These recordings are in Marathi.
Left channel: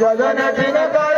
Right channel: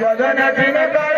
ಜಗನ ದಿನ ಕಾಲ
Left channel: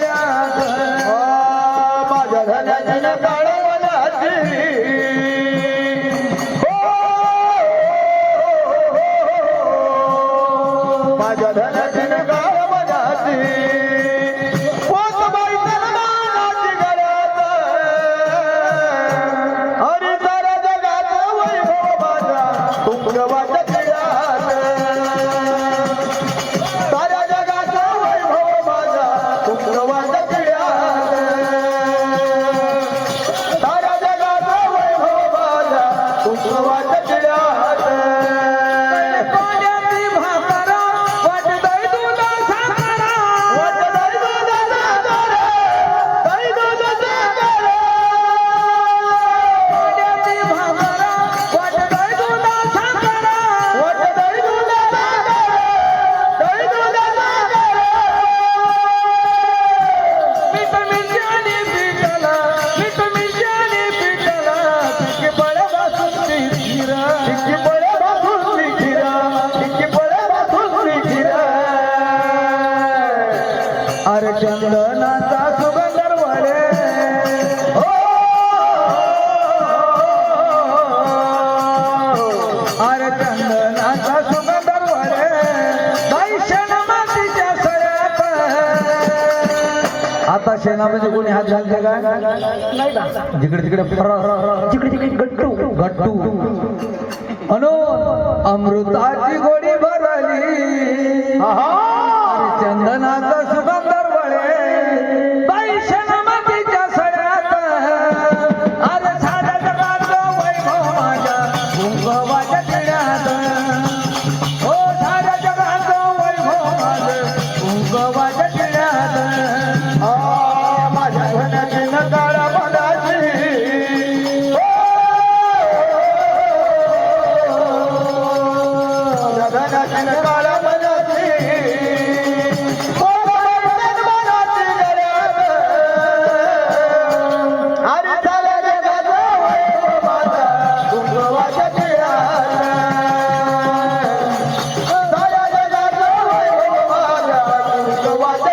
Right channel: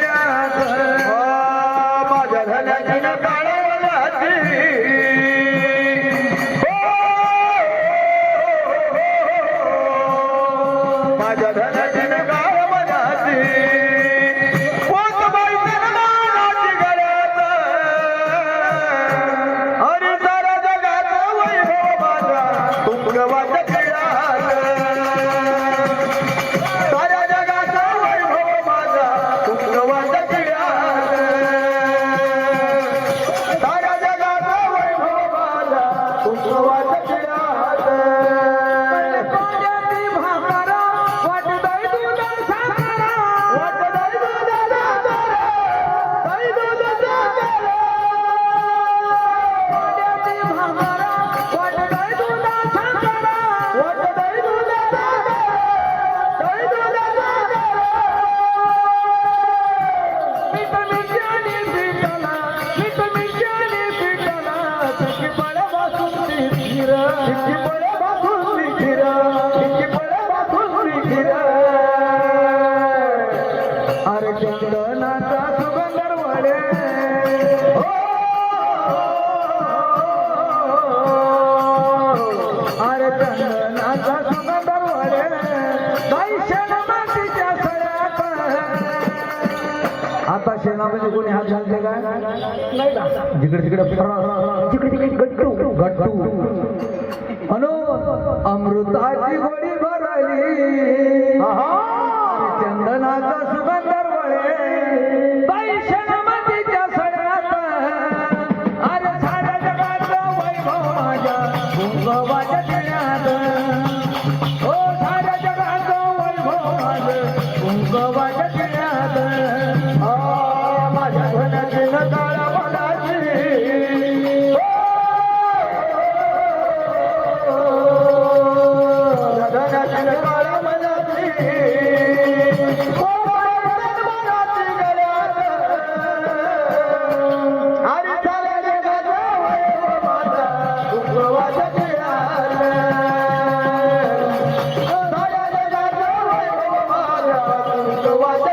आता शेणामध्ये कोणी हात घालते का? जिकडे तिकडे तिकडे गट्टू गट्टू. अनो अमृताची गोडी भरली. चंदनाचा ভালোবাসা